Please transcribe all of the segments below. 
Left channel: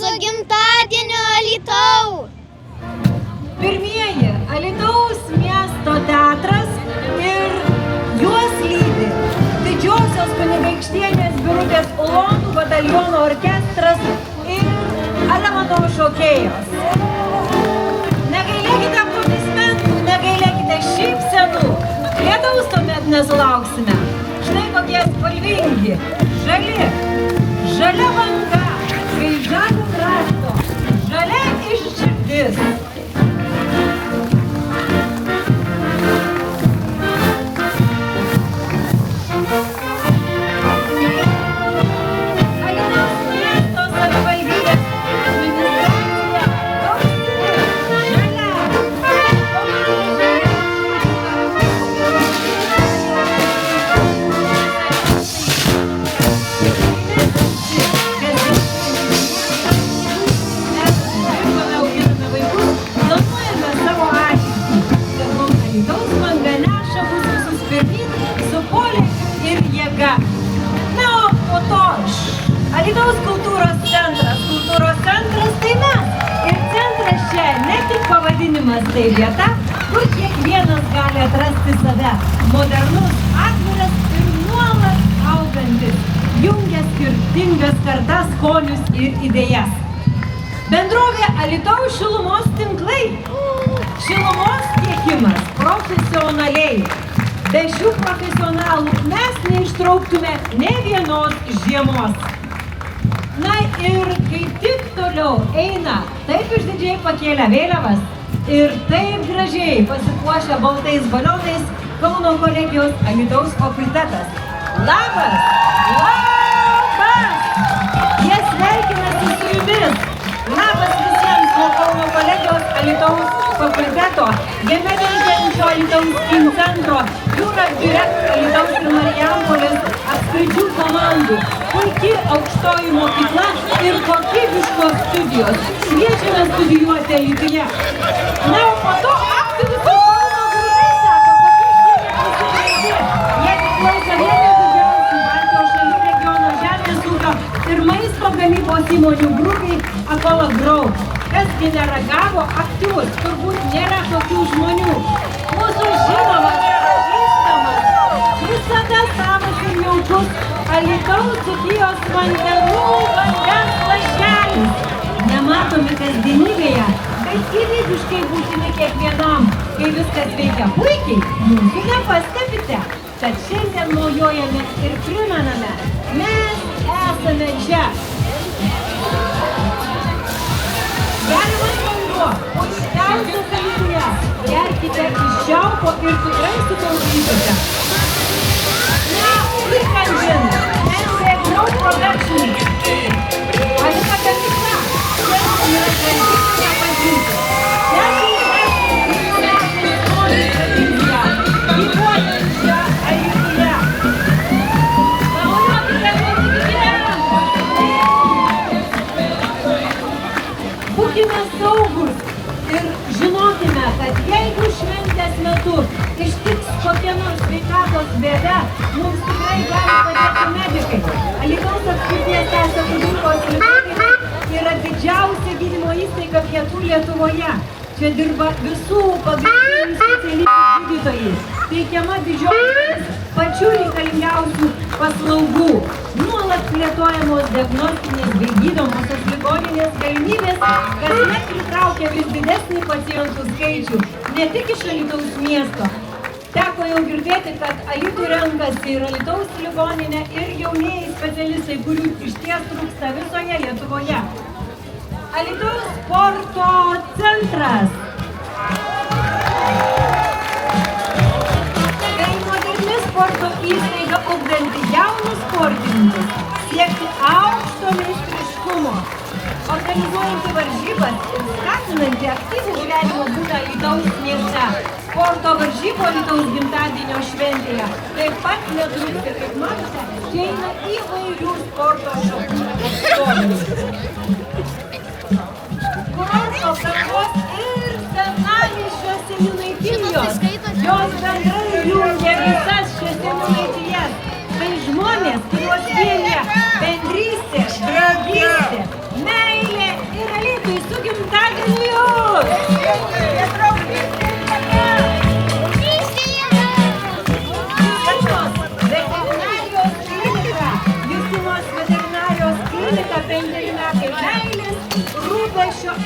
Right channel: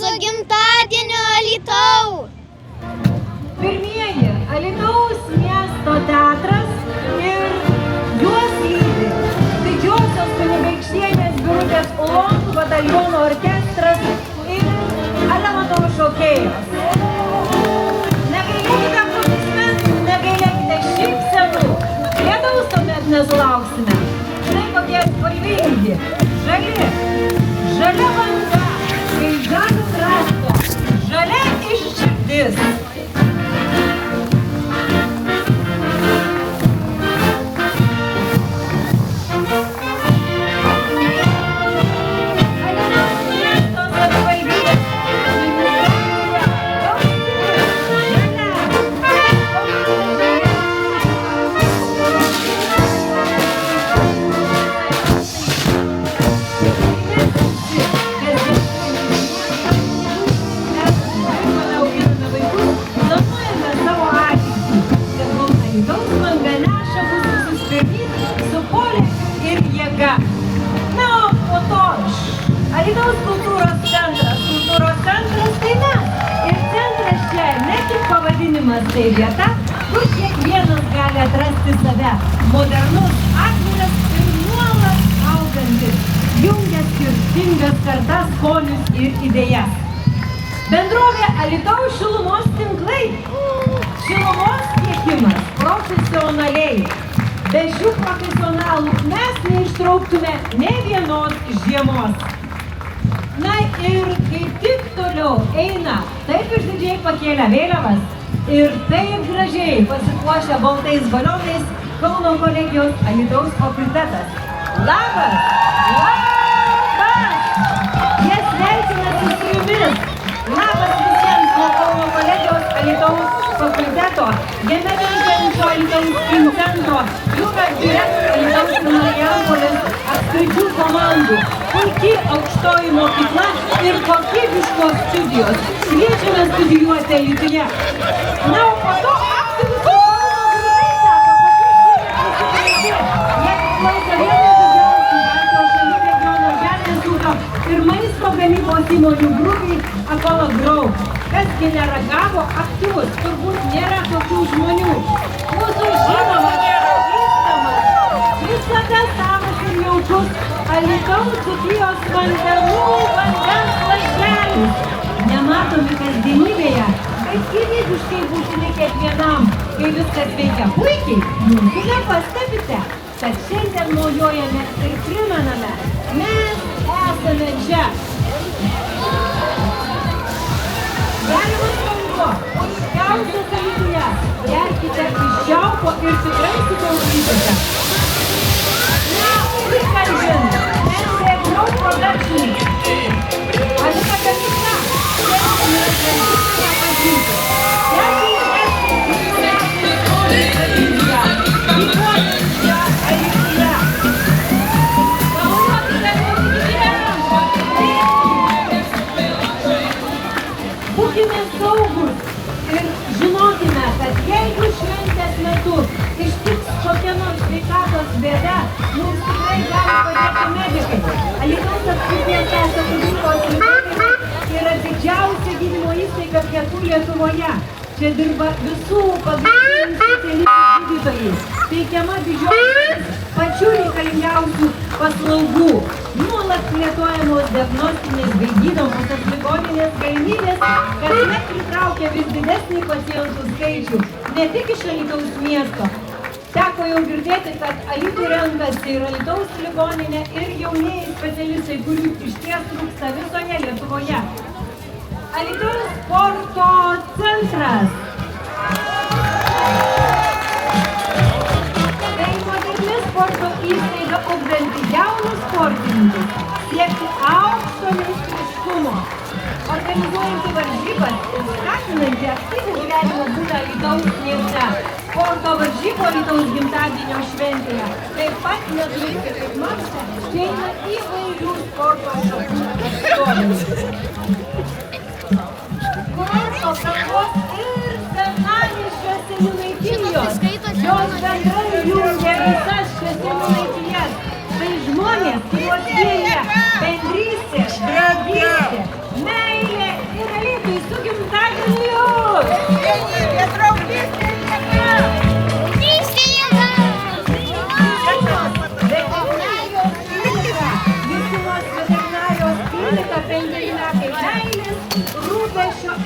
Su gimtadieniu Alytau! Pirmieji Alytaus miesto teatras ir juos lydi Didžiosios Kunigaikštienės Birutės Ulonų bataliono orkestras ir Alemanto šokėjos. Negailėkite aplodismentų, negailėkite šypsenų, lietaus tuomet nesulauksime. Štai kokie spalvingi, žali, žalia banga, kai žalia krašto, žalia iš širdis. Alytaus kultūros centras tai mes. Ir centras čia ne tik pavadinimas, tai vieta, kur kiekvienas gali atrasti save. Modernus, atviras ir nuolat augantis, jungia skirtingas kartas, skonius ir idėjas. Bendrovė Alytaus šilumos tinklai. Šilumos tiekimas profesionaliai. Be šių profesionalų mes neištrauktume nė vienos žiemos. Na ir kaip tik toliau eina taip išdidžiai pakėlę vėliavas ir taip gražiai pasipuošę baltais balionais Kauno kolegijos Alytaus fakultetas. Labas! Labas! Jie sveikinasi su jumis. Labas visiems nuo Kauno kolegijos Alytaus fakulteto, jame veikiančio Alytaus centro, jūra direktorė Alytaus ir Marijampolės apskričių komandų. Puiki aukštoji mokykla ir kokybiškos studijos. Kviečiame studijuoti Alytuje. Na, o po to aktyvus ir maisto gamybos įmonių grupiai Akola Grau. Kasgi neragavo aktyvus, turbūt nėra tokių žmonių. Mūsų žinoma, visada savas ir jaukus Alytaus dzūkijos vandenų vandens lašelis. Nematomi kasdienybėje, bet gyvybiškai būtini kiekvienam. Kai viskas veikia puikiai, jūsų nepastebite, kad šiandien naujojame ir primename, mes esame čia. Gerimas vanduo, puikiausias Alytuje. Gerkite iš čiaupo ir tikrai sutaupysite. Būkime saugūs ir žinokime, kad jeigu šventės metu ištiks kokia nors sveikatos bėda, mums tikrai gali padėti medikai. Alytaus apskrities teisės klinikos ligoninė yra didžiausia gydymo įstaiga pietų Lietuvoje. Čia dirba visų pagrindinių specialistų gydytojai. Teikiama didžioji pačių reikalingiausių paslaugų. Nuolat plėtojamos diagnostinės bei gydomosios ligoninės galimybės, kasmet pritraukia vis didesnį pacientų skaičių, ne tik iš Alytaus miesto. Teko jau girdėti, kad Alytų renkasi ir Alytaus ligoninė ir jaunieji specialistai, kurių išties trūksta visoje Lietuvoje. Alytaus sporto centras. Tai moderni sporto įstaiga ugdanti jaunus sportininkus siekti aukšto meistriškumo. Organizuojanti varžybas ir skatinanti aktyvią gyvenimo būdą Alytaus mieste. Sporto varžybų Alytaus gimtadienio šventėje taip pat netrūksta kaip maršo, čia yra įvairių sporto šakų atstovų. Ir senamiesčiuose jų laikinijos, jos bendrai jungia visas šias žemaitijas. Tai žmonės, kuriuos vienija bendrystė, draugystė, meilė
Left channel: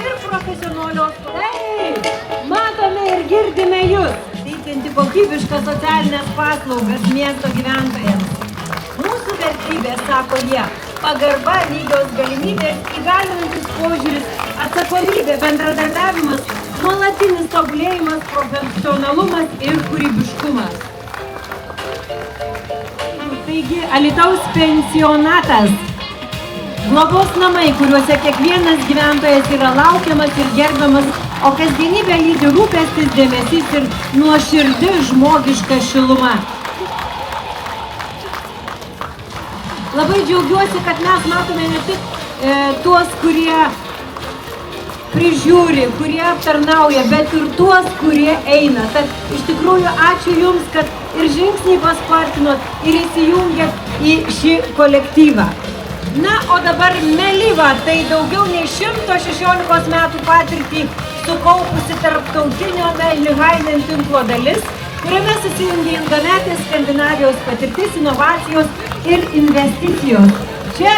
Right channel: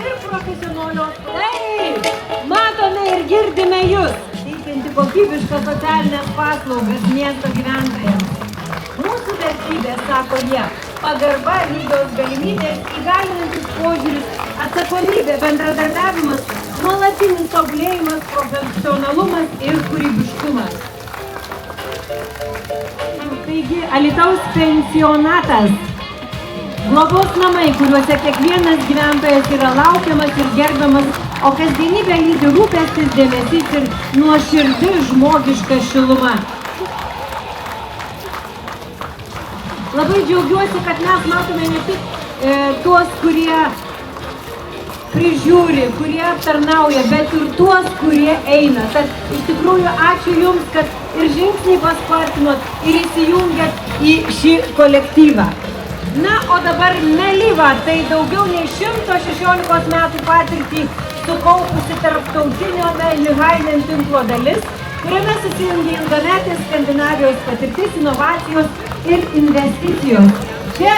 ir profesionalios. Taip, matome ir girdime jūs, teikianti kokybiškas socialinės paslaugas miesto gyventojams. Mūsų vertybės, sako jie, pagarba, lygios galimybės, įgalinantis požiūris, atsakomybė, bendradarbiavimas, nuolatinis tobulėjimas, profesionalumas ir kūrybiškumas. Taigi, Alytaus pensionatas, globos namai, kuriuose kiekvienas gyventojas yra laukiamas ir gerbiamas, o kasdienybė lydi rūpestis, dėmesys ir nuoširdi žmogiška šiluma. Labai džiaugiuosi, kad mes matome ne tik tuos, kurie prižiūri, kurie aptarnauja, bet ir tuos, kurie eina. Tad iš tikrųjų ačiū Jums, kad ir žingsnį paspartinot ir įsijungėt į šį kolektyvą. Na, o dabar Melyva, tai daugiau nei 116 metų patirtį sukaupusi tarptautinio Melyvainen tinklo dalis, kuriame susijungia ilgametės Skandinavijos patirtis, inovacijos ir investicijos. Čia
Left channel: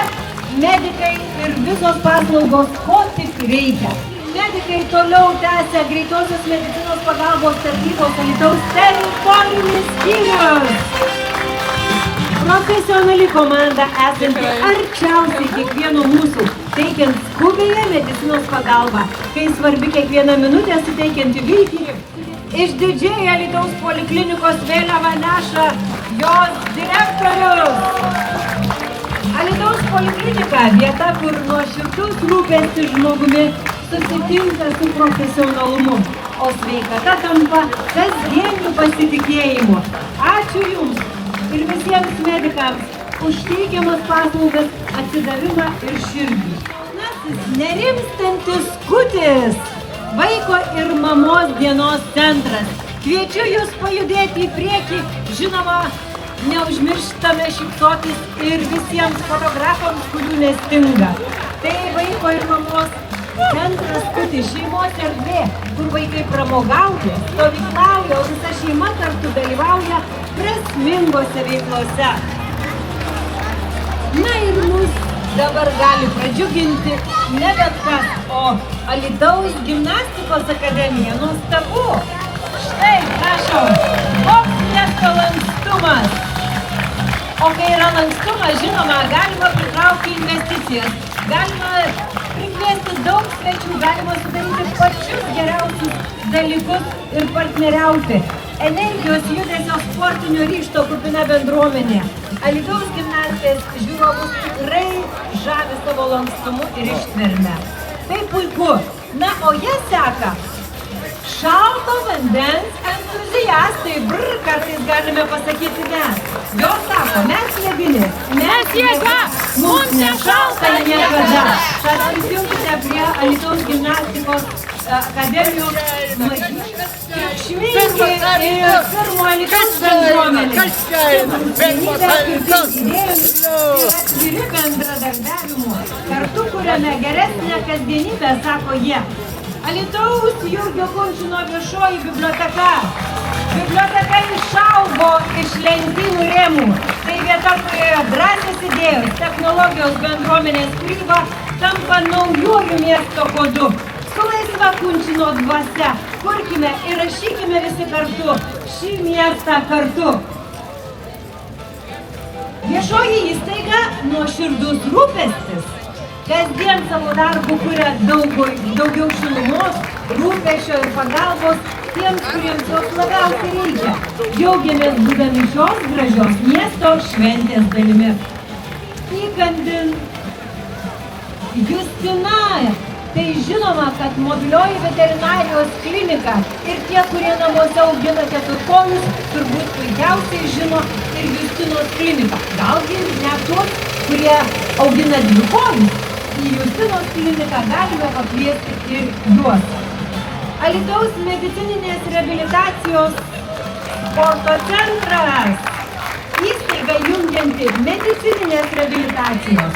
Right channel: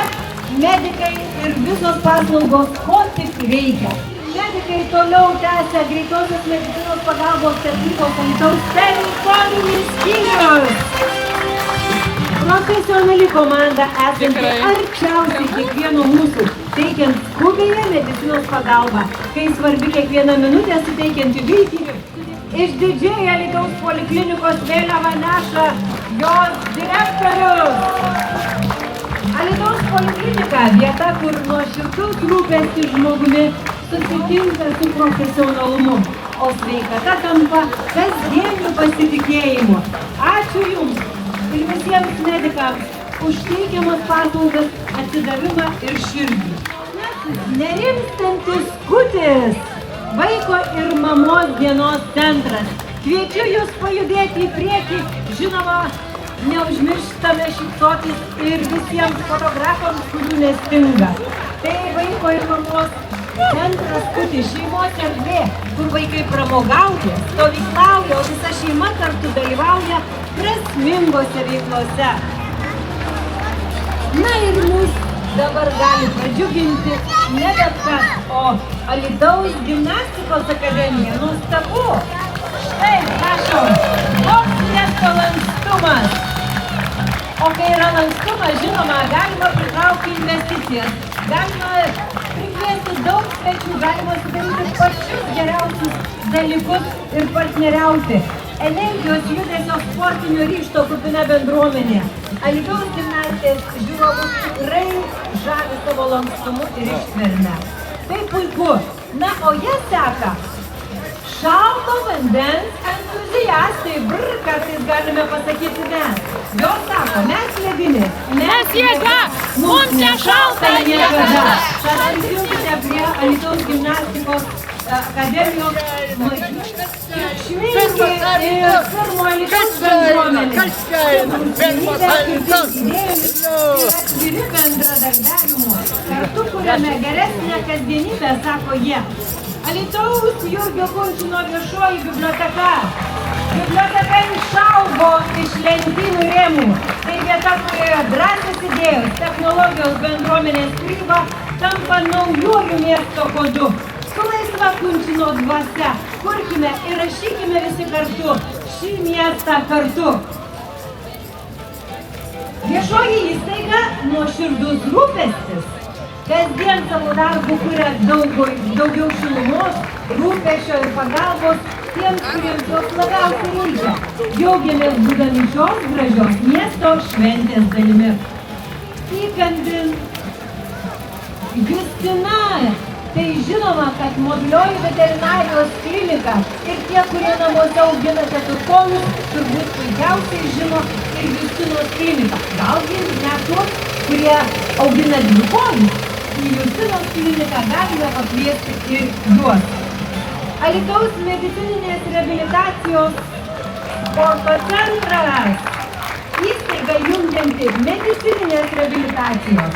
medikai ir visos paslaugos, ko tik reikia. Medikai toliau tęsia greitosios medicinos pagalbos tarnybos Alytaus teritorinis skyrius. Profesionali komanda esanti arčiausiai kiekvieno mūsų, teikiant skubiąją medicinos pagalbą, kai svarbi kiekviena minutė suteikianti viltį. Išdidžiai Alytaus poliklinikos vėliavą neša jos direktorius. Alytaus poliklinika – vieta, kur nuoširdus rūpestis žmogumi susitinka su profesionalumu, o sveikata tampa kasdieniu pasitikėjimu. Ačiū Jums ir visiems medikams už teikiamas paslaugas, atsidavimą ir širdį. Nerimstantis skutis. Vaiko ir mamos dienos centras. Kviečiu Jūs pajudėti į priekį, žinoma, neužmirštame šypsotis ir visiems fotografams, kurių nestinga. Tai vaiko ir mamos centras Skutis, šeimos erdvė, kur vaikai pramogauja, stovyklauja, o visa šeima kartu dalyvauja prasmingose veiklose. Na ir mus dabar gali pradžiuginti ne bet kas, o Alytaus gimnastikos akademija. Nuostabu! Štai, prašom, koks miesto lankstumas. O kai yra lankstumas, žinoma, galima pritraukti investicijas, galima prikviesti daug svečių, galima sudaryti pačius geriausius dalykus ir partneriauti. Energijos, judesio, sportinio ryžto kupina bendruomenė. Alytaus gimnastės žiūrovus tikrai žavi savo lankstumu ir ištverme. Tai puiku. Na, o jie seka šalto vandens entuziastai, kartais galime pasakyti mes. Jos sako, mes jėgini, mes jėga, mums nešalta niekada. Tad prisijungite prie Alytaus gimnastikos akademijos atviri bendradarbiavimo. Kartu kuriame geresnę kasdienybę, sako jie. Alytaus Jurgio Kunčino viešoji biblioteka. Biblioteka išaugo iš lentynų rėmų. Tai vieta, kurioje drąsios idėjos, technologijos, bendruomenės kūryba tampa naujųjų miesto kodu. Su laisva Kunčino dvasia kurkime ir rašykime visi kartu šį miestą kartu. Viešoji įstaiga nuoširdus rūpestis. Kasdien savo darbų kuria daugiau šilumos, rūpesčio ir pagalbos tiems, kuriems jos labiausiai reikia. Džiaugiamės būdami šios gražios miesto šventės dalimi. Įkandin Justina. Tai žinoma, kad mobilioji veterinarijos klinika ir tie, kurie namuose augina keturkomius, turbūt puikiausiai žino ir Justinos kliniką. Galgi net tuos, kurie augina dvikomius, į Justinos kliniką galime pakviesti ir juos. Alytaus medicininės reabilitacijos sporto centras. Įstaiga jungianti medicininės reabilitacijos,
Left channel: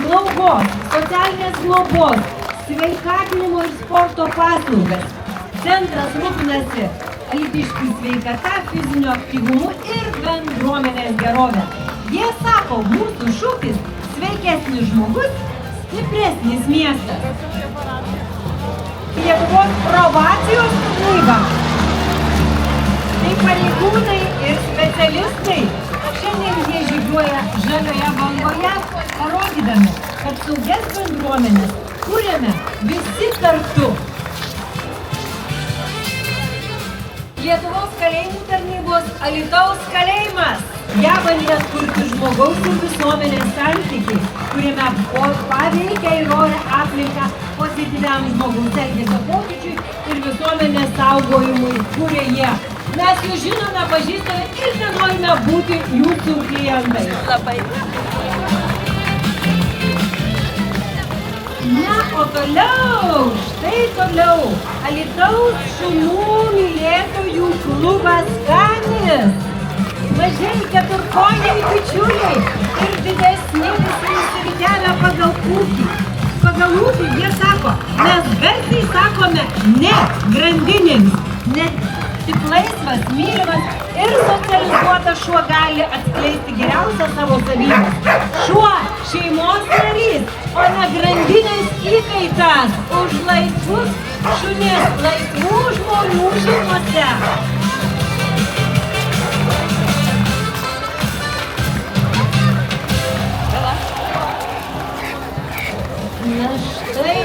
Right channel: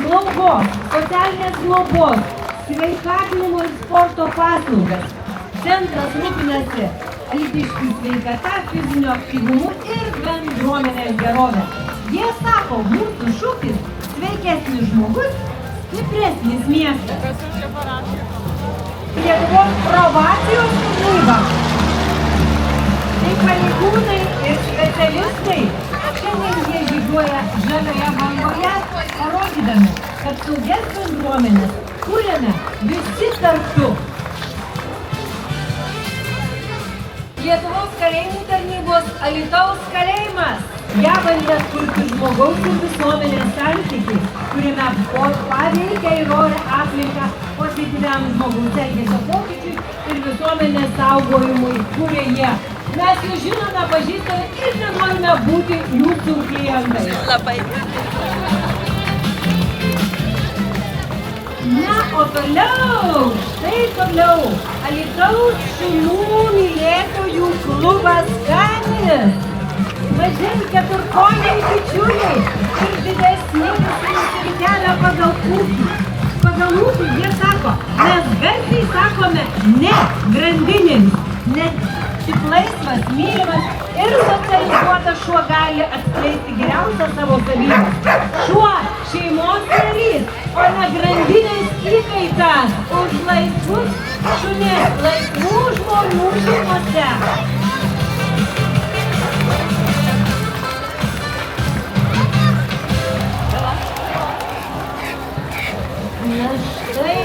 slaugos, socialinės globos, sveikatinimo ir sporto paslaugas. Centras rūpinasi lytiškų sveikata, fizinio aktyvumu ir bendruomenės gerovė. Jie sako, mūsų šūkis sveikesnis žmogus, stipresnis miestas. Lietuvos probacijos tarnyba. Tai pareigūnai ir specialistai. Šiandien jie žygiuoja žalioje bangoje, parodydami, kad saugias bendruomenės kuriame visi kartu. Lietuvos kalėjimų tarnybos Alytaus kalėjimas. Gebantis kurti žmogaus ir visuomenės santykį, kuriame paveikia ir orią aplinką pozityviam žmogaus elgesio pokyčiui ir visuomenės saugojimui, kurie jie. Mes jūs žinome, pažįstame ir nenorime būti jūsų klientai. Na, o toliau, tai toliau, Alytaus šunų mylėtojų klubas Ganis. Mažiau keturkojai bičiuliai ir didesni visi kelia pagal ūkį. Pagal ūkį jie sako, mes garsiai sakome ne grandinėms, net tik laisvas, mylimas ir socializuotas šuo gali atskleisti geriausią savo savybę. Šuo šeimos narys, o ne grandinės įkaitas už laisvus šunis, laisvų žmonių šeimose. Na štai,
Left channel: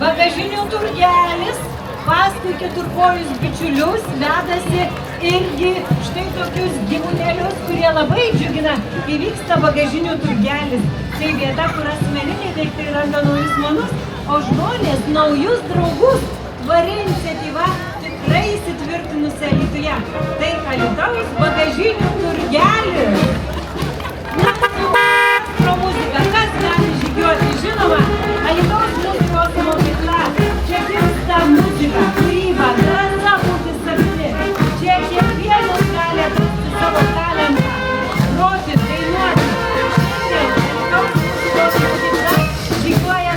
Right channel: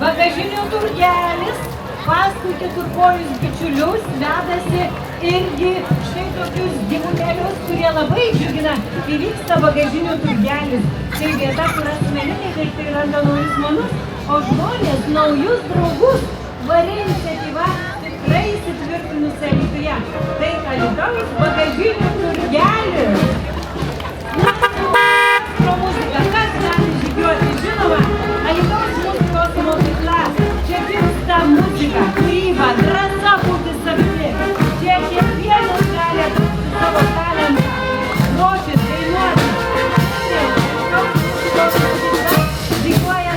bagažinių turgelis paskui keturkojus bičiulius vedasi irgi štai tokius gyvūnėlius, kurie labai džiugina. Įvyksta bagažinių turgelis. Tai vieta, kur asmeniniai daiktai randa naujus manus, o žmonės naujus draugus. Vari iniciatyva tikrai įsitvirtinusi Alytuje. Tai Alytaus bagažinių turgelis. Žinoma, Alytaus muzikos mokykla. Čia gimsta muzika, kūryba, drąsa būti savimi. Čia kiekvienas gali su savo talentu groti, dainuoti. Žygiuoja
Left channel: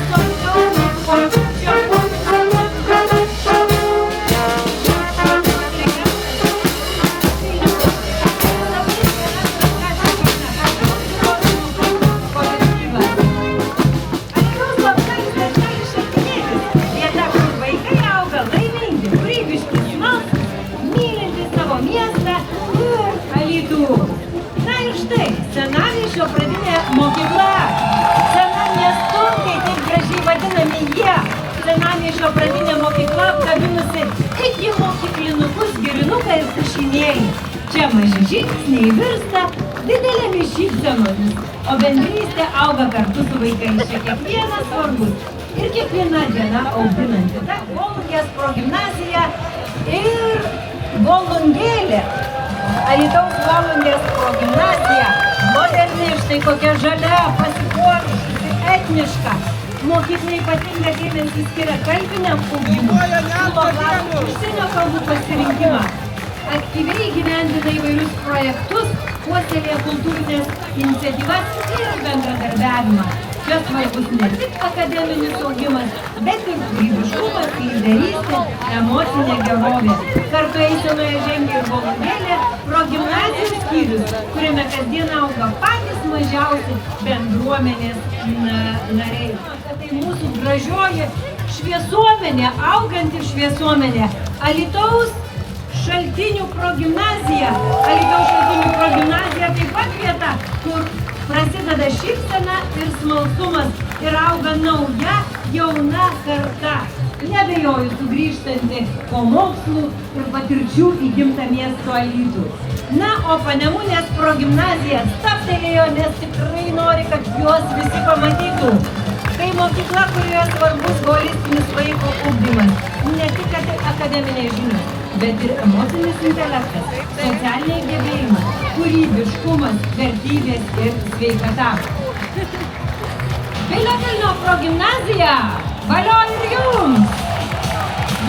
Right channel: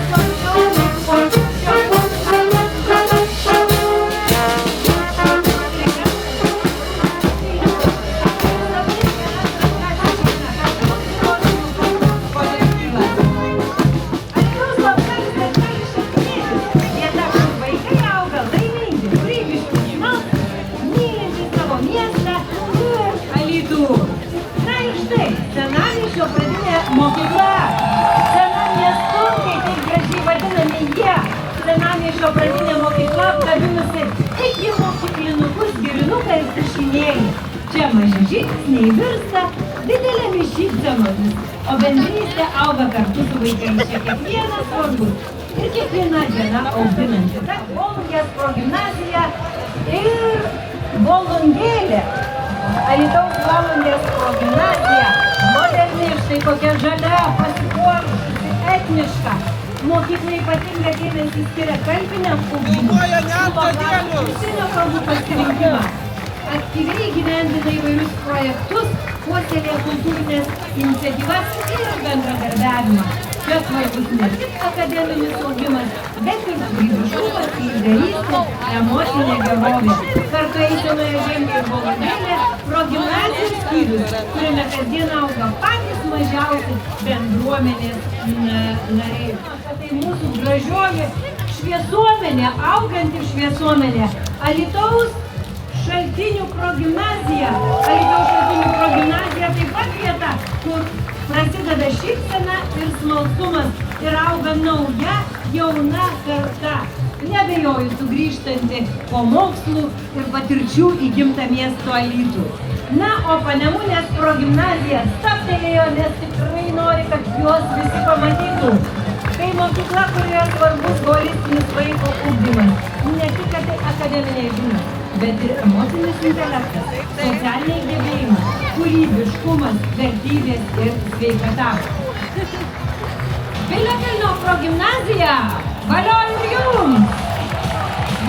žingsniai virsta didelėmis šypsenomis, o bendrystė auga kartu su vaikais. Čia kiekvienas svarbus ir kiekviena diena auginanti. Ta Volungės progimnazija ir Volungėlė. Alytaus Volungės progimnazija moderni, štai kokia žalia, pasipuošusi, etniška. Mokykla ypatingai dėmesį skiria kalbiniam ugdymui, užsienio kalbų pasirinkimą. Aktyviai gyvendina įvairius projektus, puoselėja kultūrinės iniciatyvas ir bendradarbiavimą. Čia svarbus ne tik akademinis augimas, bet ir kūrybiškumas, lyderystė, emocinė gerovė. Kartu eisenoje žengia ir Volungėlė progimnazijos skyrius, kuriame kasdien auga patys mažiausi bendruomenės nariai. Tai mūsų gražioji šviesuomenė, auganti šviesuomenė. Alytaus Šaltinių progimnazija. Alytaus Šaltinių progimnazija taip pat vieta, kur prasideda šypsena ir smalsumas ir auga nauja, jauna karta. Neabejoju sugrįžtanti po mokslų ir patirčių į gimtą miesto Alytų. Na, o Panemunės progimnazija stabtelėjo, nes tikrai nori, kad juos visi pamatytų. Tai mokykla, kurioje svarbus holistinis vaiko ugdymas. Ne tik akademiniai žinios, bet ir emocinis intelektas, socialiniai gebėjimai, kūrybiškumas, vertybės ir sveikata. Piliakalnio progimnazija, valio ir jums!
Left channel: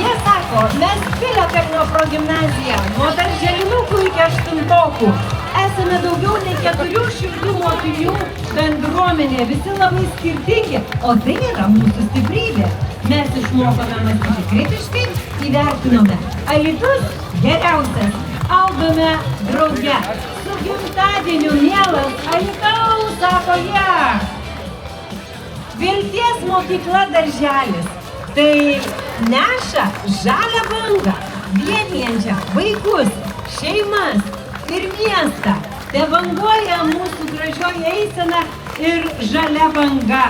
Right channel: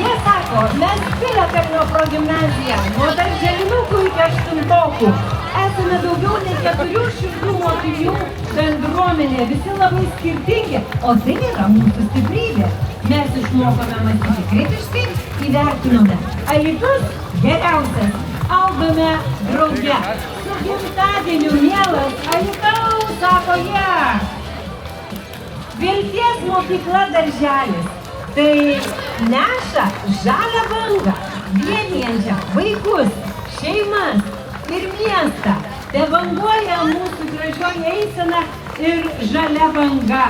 Jie sako, mes Piliakalnio progimnazija, nuo darželinukų iki aštuntokų. Esame daugiau nei 400 mokinių bendruomenė, visi labai skirtingi, o tai yra mūsų stiprybė. Mes išmokome mąstyti kritiškai, įvertinome. Alytus geriausias, augame drauge. Su gimtadieniu, mielas Alytaus, sako jie. Vilties mokykla darželis. Tai neša žalią bangą, vienijančią vaikus, šeimas ir miestą. Te banguoja mūsų gražioji eisena ir žalia banga.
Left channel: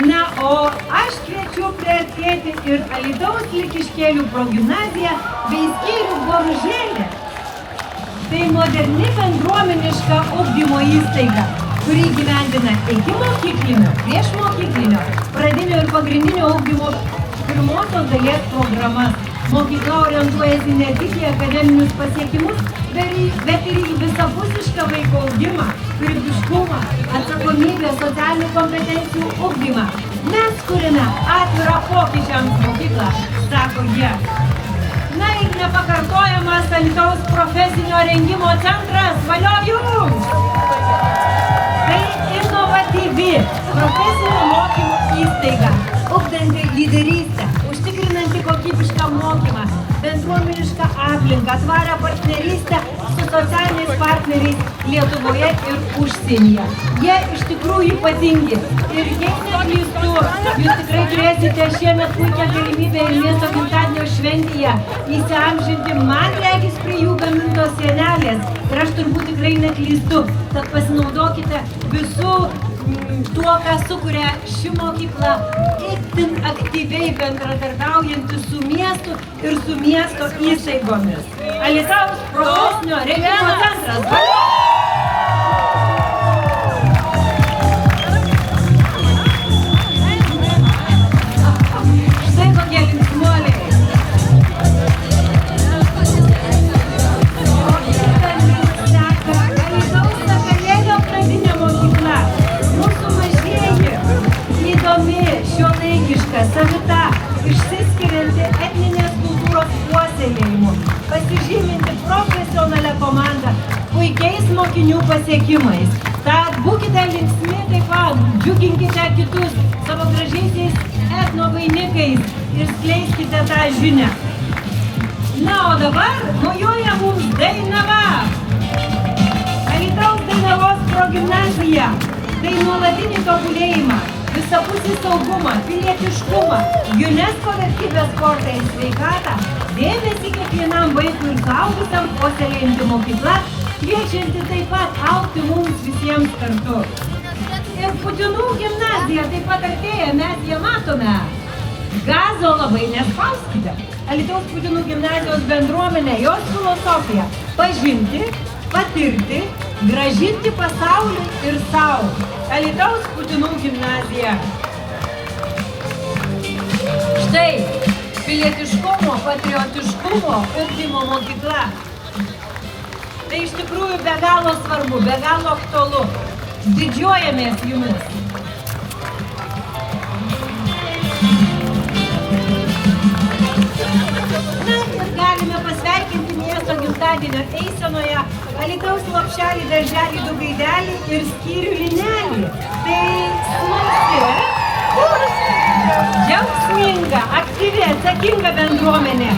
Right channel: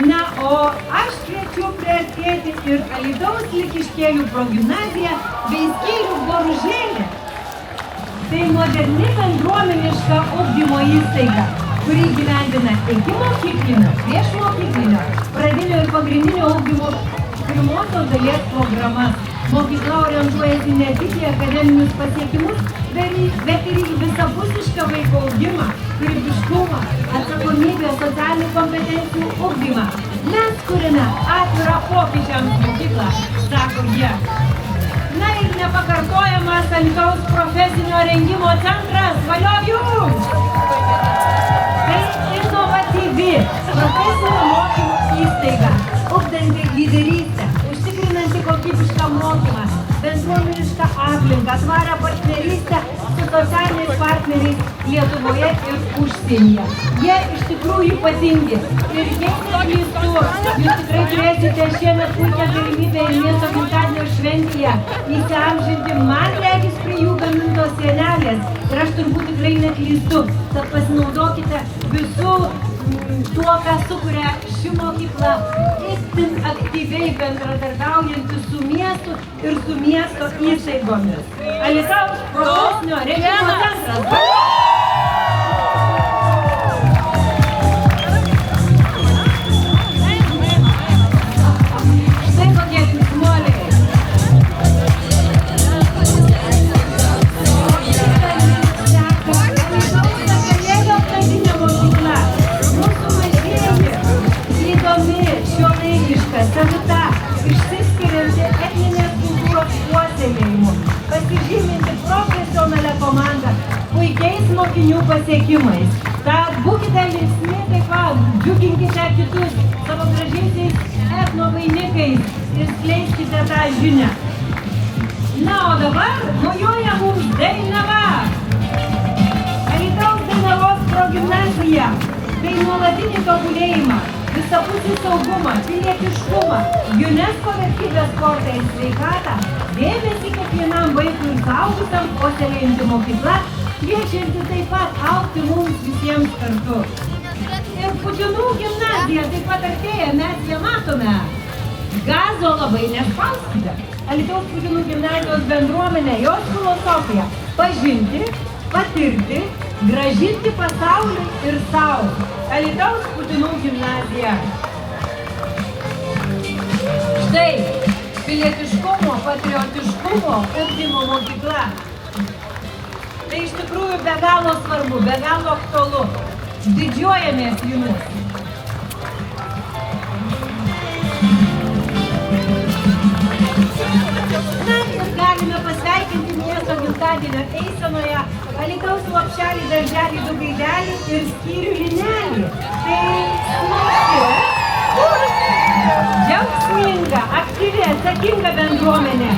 Na, o aš kviečiu priartėti ir Alytaus Likiškėlių progimnaziją bei skyrių Boružėlė. Tai moderni bendruomeniška ugdymo įstaiga, kuri įgyvendina ikimokyklinio, priešmokyklinio, pradinio ir pagrindinio ugdymo pirmosios dalies programas. Mokykla orientuojasi ne tik į akademinius pasiekimus, bet ir į visapusišką vaiko augimą, kūrybiškumą, atsakomybę, socialinių kompetencijų ugdymą. Mes kuriame atvirą pokyčiams mokyklą, sako jie. Na ir nepakartojamas Alytaus profesinio rengimo centras, valio jums! Tai inovatyvi profesinio mokymo įstaiga, ugdanti lyderystę, užtikrinanti kokybišką mokymą, bendruomenišką aplinką, tvarę partnerystę su socialiniais partneriais Lietuvoje ir užsienyje. Jie iš tikrųjų ypatingi. Ir jeigu neklystu, jūs tikrai turėsite šiemet puikią galimybę ir miesto gimtadienio šventėje įsiamžinti man regis prie jų gamintos sienelės. Ir aš turbūt tikrai neklystu, tad pasinaudokite visų tuo, ką sukuria ši mokykla, itin aktyviai bendradarbiaujanti su miestu ir su miesto įstaigomis. Alytaus profesinio rengimo centras. Štai kokie klyksmuoliai. Alytaus Sakalėlio pradinė mokykla. Mūsų mažieji, įdomi, šiuolaikiška, savita, išsiskirianti etninės kultūros puoselėjimu, pasižyminti profesionalia komanda, puikiais mokinių pasiekimais. Tad būkite linksmi taip pat, džiuginkite kitus savo gražiaisiais etnovainikais ir skleiskite tą žinią. Na, o dabar mojuoja mums Dainava. Alytaus Dainavos progimnazija. Tai nuolatinį tobulėjimą, visapusį saugumą, pilietiškumą, UNESCO vertybės sportą ir sveikatą, dėmesį kiekvienam vaikui ir suaugusiam puoselėjanti mokykla, kviečianti taip pat augti mums visiems kartu. Ir Putinų gimnazija taip pat artėja, mes ją matome. Gazo labai nespauskite. Alytaus Putinų gimnazijos bendruomenė, jos filosofija – pažinti, patirti, grąžinti pasaulį ir savo. Alytaus Putinų gimnazija. Štai pilietiškumo, patriotiškumo ugdymo mokykla. Tai iš tikrųjų be galo svarbu, be galo aktualu. Didžiuojamės jumis. Na ir galime pasveikinti miesto gimtadienio eisenoje Alytaus lopšelį, darželį, du gaidelį ir skyrių linelį. Tai džiaugsminga, aktyvi, atsakinga bendruomenė.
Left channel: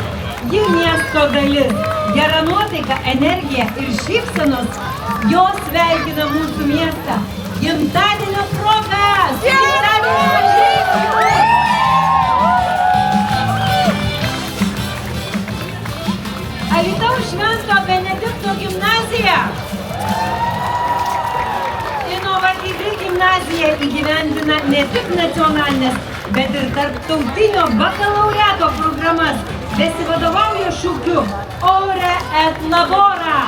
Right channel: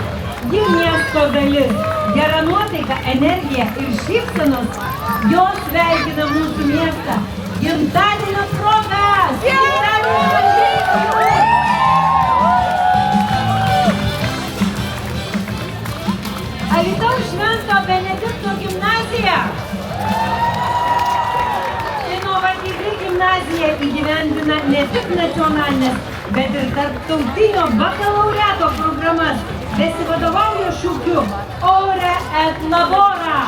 Ji miesto dalis, gera nuotaika, energija ir šypsenos, jos sveikina mūsų miestą. Gimtadienio proga! Alytaus Švento Benedikto gimnazija. Inovatyvi gimnazija įgyvendina ne tik nacionalinės, bet ir tarptautinio bakalaureato programas, besivadovauja šūkiu Ore et Labora.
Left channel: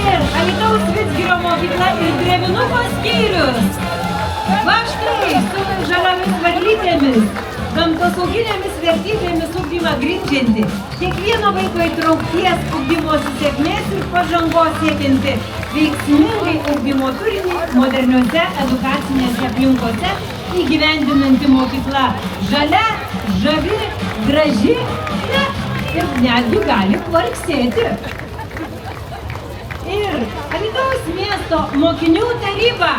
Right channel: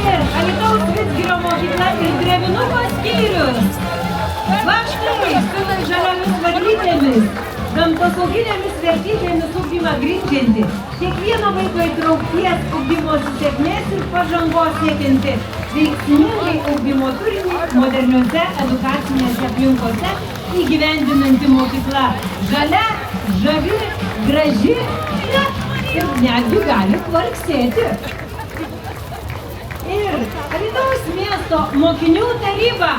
Ir Alytaus Vidzgirio mokykla ir Drevinuko skyrius. Vaškai su žaliomis varlytėmis, gamtosauginėmis vertybėmis ugdymą grindžianti, kiekvieno vaiko įtraukties ugdymosi sėkmės ir pažangos siekianti, veiksmingai ugdymo turinį moderniuose edukacinėse aplinkose įgyvendinanti mokykla. Žalia, žavi, graži, ir netgi gali kvarksėti. Ir Alytaus miesto mokinių taryba.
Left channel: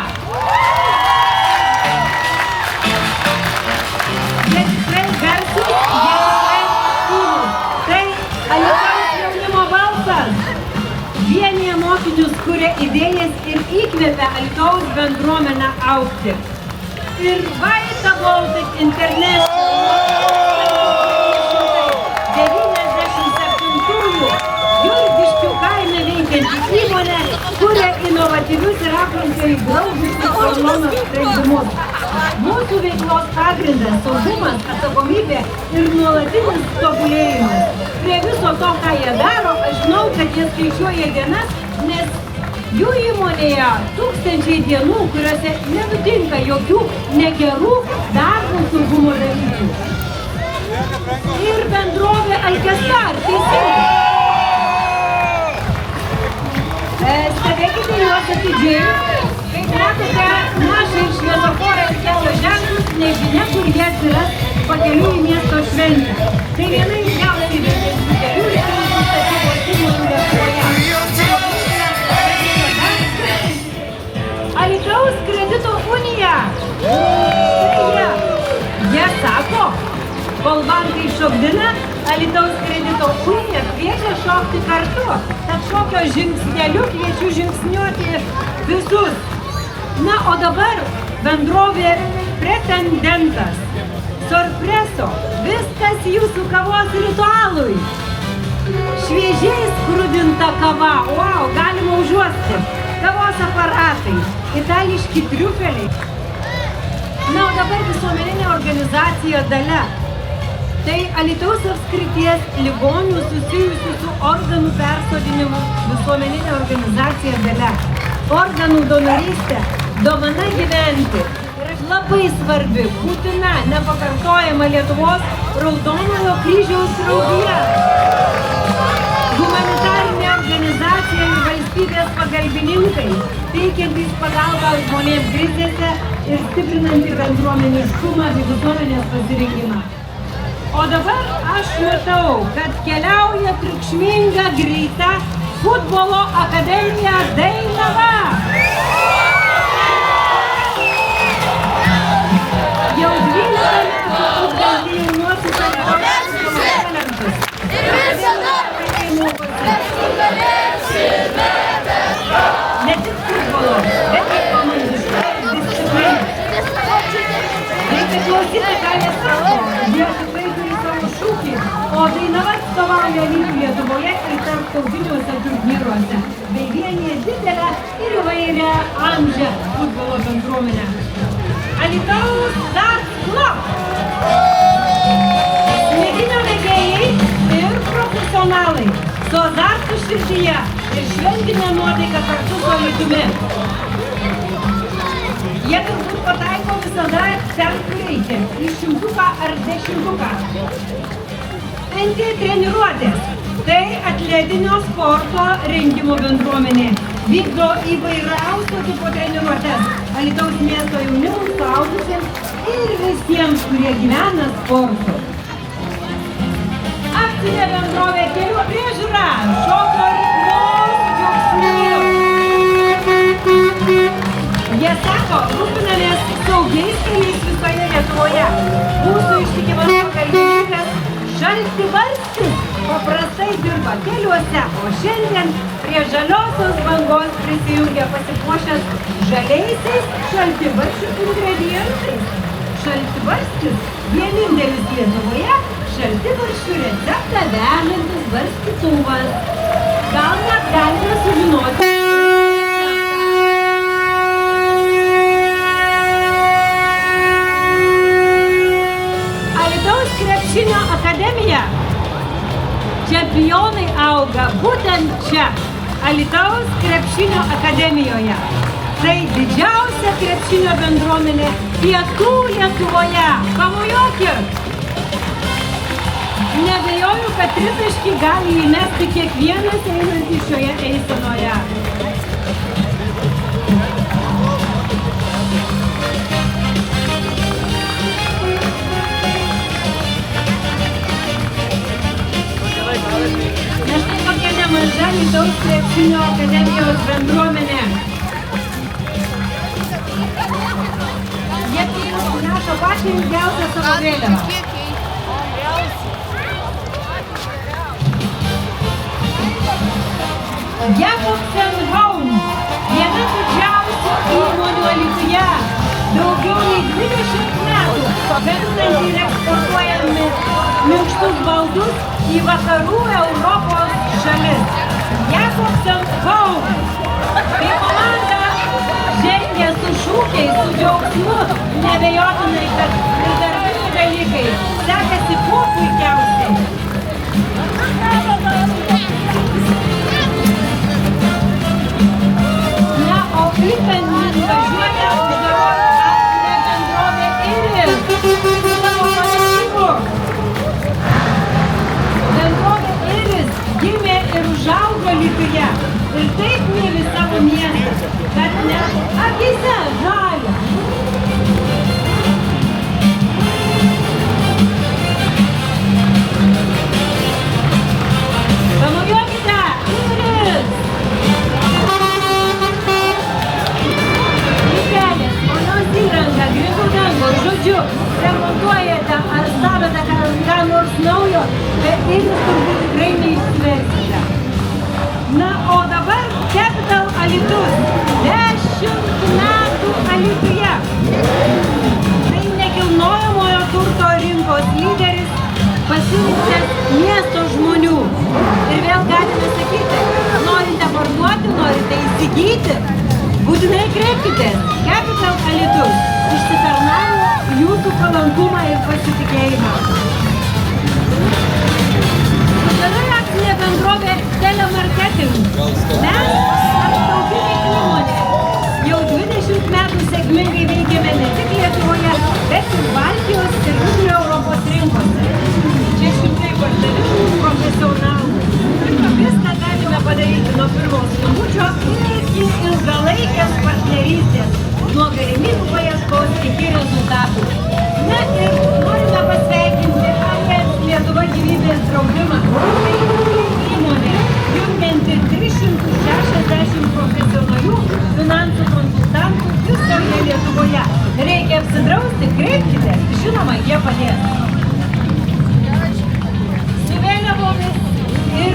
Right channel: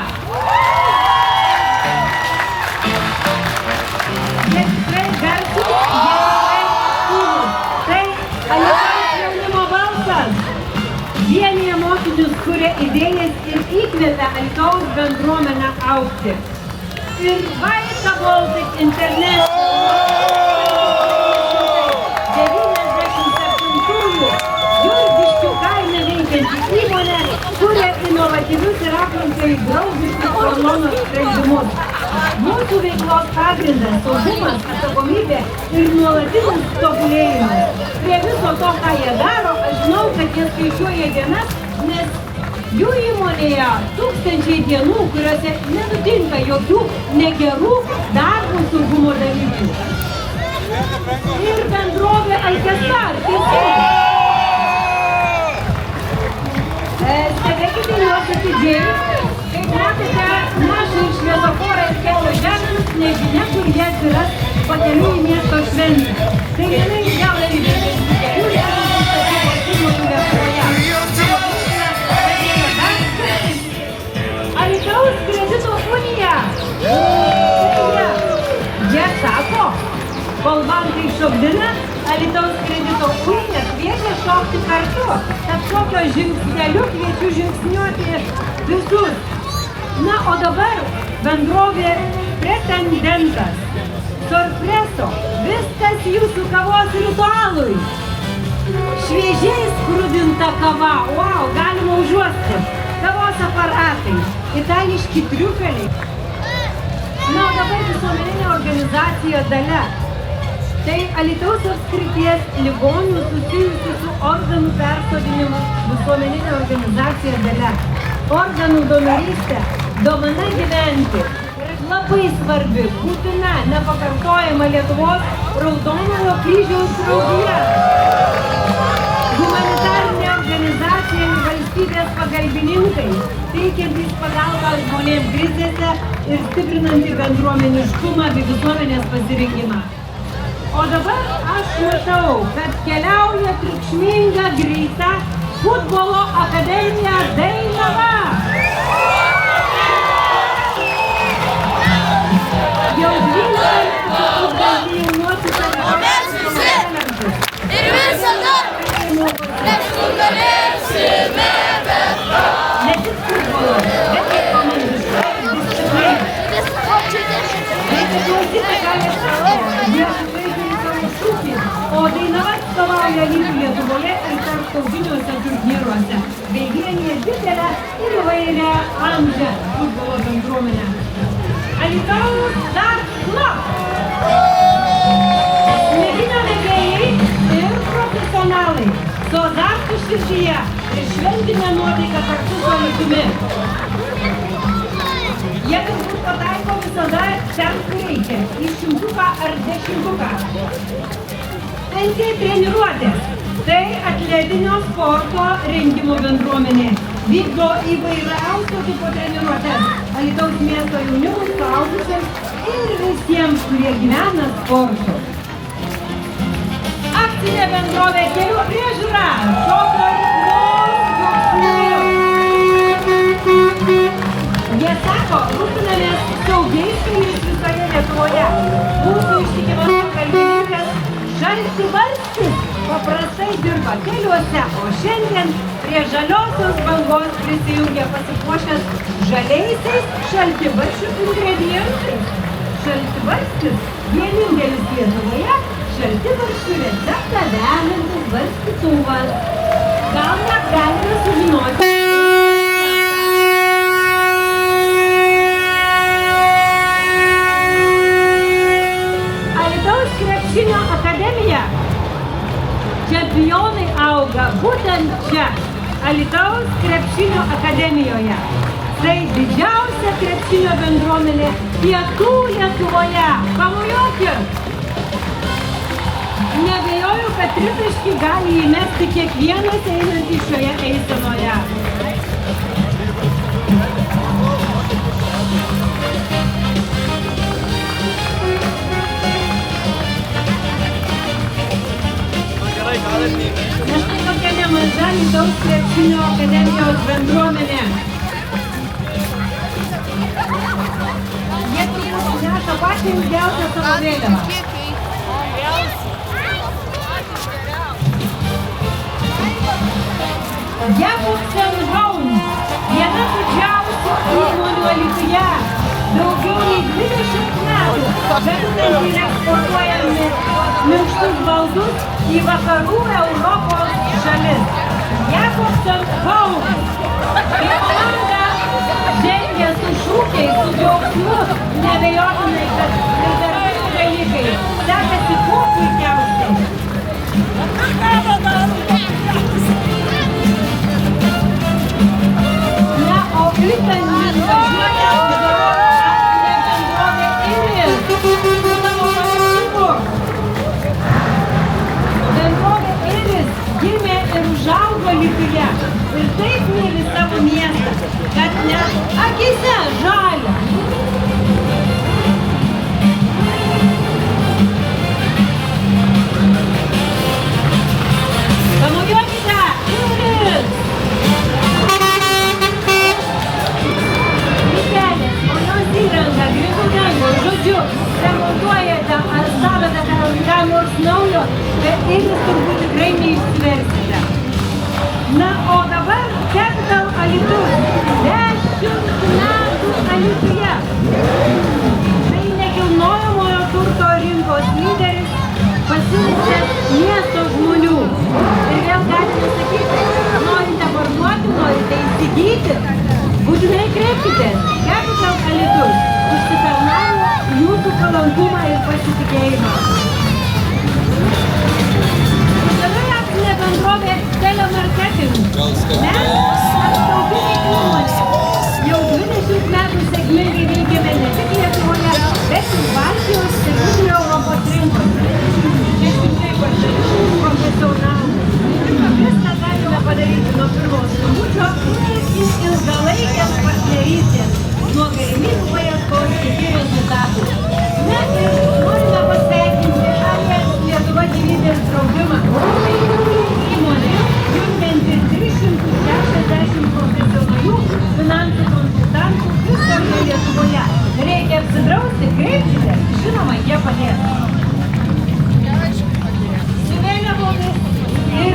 Jie tikrai garsūs, tai Alytaus jaunimo balsas. įkvėpia Alytaus bendruomenę augti. Ir Vaita Baltic International 97-ųjų Jurgiškių kaime veikianti įmonė kuria inovatyvius ir aplinkai draugiškus hormonų sprendimus. Mūsų veiklos pagrindas, saugumas, atsakomybė ir nuolatinis tobulėjimas. Prie viso to, ką jie daro, aš žinau, kad jie skaičiuoja dienas, nes jų įmonėje tūkstančiai dienų, kuriuose nenutinka jokių negerų darbo saugumo dalykų. Ir bendrovė Alkasar. Stebėkite juos atidžiai. Kaip matote, mašai ir šviesoforai ir kelio ženklus, nežinia, kur jie atsiras pakeliui į miesto šventę. Tai vienais gaunami dėmesį kelių ir nusistatybos įmonių Lietuvoje. Alytaus kredito unija. Jie sako, kol bankai šokdina, Alytaus kredito unija kviečia šokti kartu. Tad šokio žingsneliu kviečiu žingsniuoti visus. Na, o dabar bendrovė Pretendentas. Sorpreso, viskas jūsų kavos ritualui. Šviežiai skrudinta kava, wow, galima užuosti. Kavos aparatai, itališki triufeliai. Na, o dabar visuomeninė organizacija Dalia. Tai Alytaus apskrities ligonių susijusių su organų persodinimu visuomeninė organizacija Dalia. Organų donorystė, dovana gyventi. Labai svarbi, būtina, nepakartojama Lietuvos Raudonojo kryžiaus draugija. Humanitarinė organizacija ir valstybės pagalbininkai, teikiantys pagalbą žmonėms krizėse ir stiprinantį bendruomeniškumą bei visuomenės pasirinkimą. O dabar aš matau, kad keliauja triukšminga greita futbolo akademija Dainava. Jau 12 futbolininkų O mes visi ir visada mes nugalėsime. ne tik futbolo, bet ir komandiškai discipliną. Reikia klausyti, ką jie sako. Jie tikrai turi savo šūkį, o Dainava atstovauja lygį Lietuvoje ir tarptautiniuose turnyruose, bei vienyje didelę ir įvairią amžią futbolo bendruomenę. Alytaus Darts Club. Smeginio mėgėjai ir profesionalai su azartu širdyje ir šventinė nuotaika kartu su Alytumi. Jie turbūt pataiko visada ten, kur reikia, į šimtuką ar dešimtuką. NK treniruotės. Tai atletinio sporto rengimo bendruomenė. Vykdo įvairiausio tipo treniruotės Alytaus miesto jaunimui, suaugusiems ir visiems, kurie gyvena sportu. Akcinė bendrovė Kelių priežiūra. Jie sako, rūpinamės saugiais keliais visoje Lietuvoje. Mūsų ištikimas pagalbininkas Šaltibarstis paprastai dirba keliuose, o šiandien prie žaliosios bangos prisijungia pasipuošęs žaliaisiais šaltibarščių ingredientais. Šaltibarstis vienintelis Lietuvoje šaltibarščių receptą vežantis barstytuvas. Gal net galime sužinoti. Alytaus krepšinio akademija. Čempionai auga būtent čia, Alytaus krepšinio akademijoje. Tai didžiausia krepšinio bendruomenė pietų Lietuvoje. Pamojuokit! Neabejoju, kad tritaškį gali įmesti kiekvienas einantis šioje eisenoje. Nes tai tokia nemaža Alytaus krepšinio akademijos bendruomenė. Jie neša patį ilgiausią savo vėliavą. Jakub Senhaun, viena didžiausių Alytuje daugiau nei 20 metų gaminantys eksportuojami minkštus baldus į vakarų Europos šalis. Jakobsen Kaunas. Kai komanda žengia su šūkiais, su džiaugsmu, neabejotinai, kad ir darbai dalykai sekasi kuo puikiausiai. Na, o Klippenį važiuoja Lietuvos akcinė bendrovė Iris. Bendrovė Iris gimė ir užaugo Alytuje. Ir taip myli savo miestą, kad net akyse žalia. Pamojuokite! Iris! Mikelės, ponios įranga, grindų dangos, žodžiu, remontuojate ar statote ką nors naujo, bet Iris turbūt tikrai neišsiversite. Na, o dabar Capital Alytus. 10 metų Alytuje. Tai nekilnojamojo turto rinkos lyderis, pasilikęs miesto žmonių. Ir vėl galite sakyti, norite parduoti, norite įsigyti, būtinai kreipkitės. Capital Alytus išsitarnavo jūsų palankumą ir pasitikėjimą. Dabar akcinė bendrovė Telemarketing. Mes apsaugų įmonės. Jau 20 metų sėkmingai veikiame ne tik Lietuvoje, bet ir Baltijos ir Vidurio Europos rinkos. 600 profesionalų. Ir viską galime padaryti nuo pirmo skambučio iki ilgalaikės partnerystės, nuo galimybių paieškos iki rezultatų. Na ir norime pasveikinti AES Lietuva gyvybės draudimą. Įmonė, jungianti 360 profesionalių finansų konsultantų visoje Lietuvoje. Reikia apsidrausti, kreipkite, žinoma, jie padės. Su vėliavomis ir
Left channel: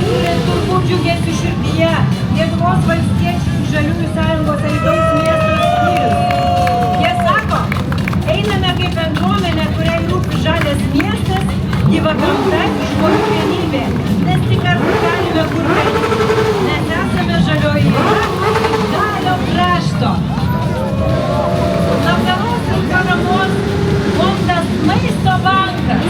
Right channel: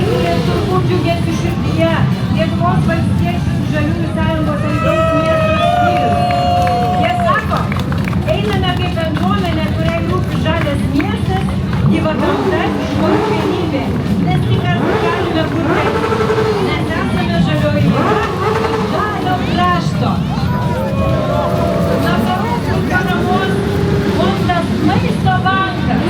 turbūt džiugėsi širdyje Lietuvos valstiečių žaliųjų sąjungos Alytaus miesto skyrius. Jie sako, einame kaip bendruomenė, kuriai rūpi žalias miestas, į vakarų žmonių vienybė, nes tik kartu galime kurti, nes esame žalioji jėga iš žalio krašto. Labdaros ir paramos fondas Maisto bankas.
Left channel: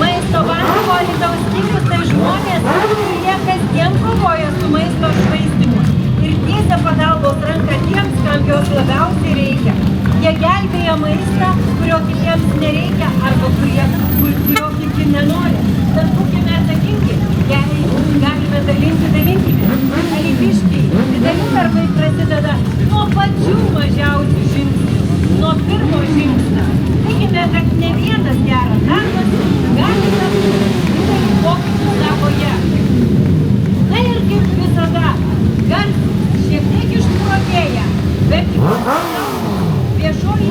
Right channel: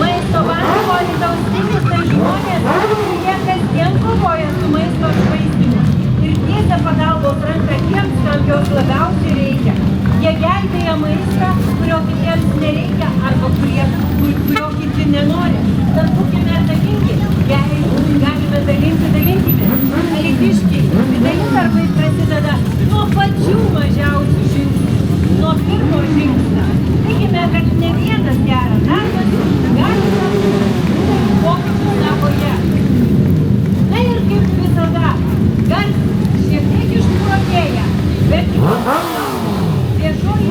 Maisto banko Alytaus skyrius tai žmonės, kurie kasdien kovoja su maisto švaistymu ir tiesia pagalbos ranką tiems, kam jos labiausiai reikia. Jie gelbėja maistą, kurio kitiems nereikia arba kurio kiti nenori. Tad būkime atsakingi, galime dalinkite. Alytiškiai, dideli darbai prasideda nuo pačių mažiausių žingsnių, nuo pirmo žingsnio. Tikime, kad ne vienas geras darbas gali padaryti pokyčius savoje. Na ir kaip visada, garsas šiek tiek išprotėja, bet viešoji.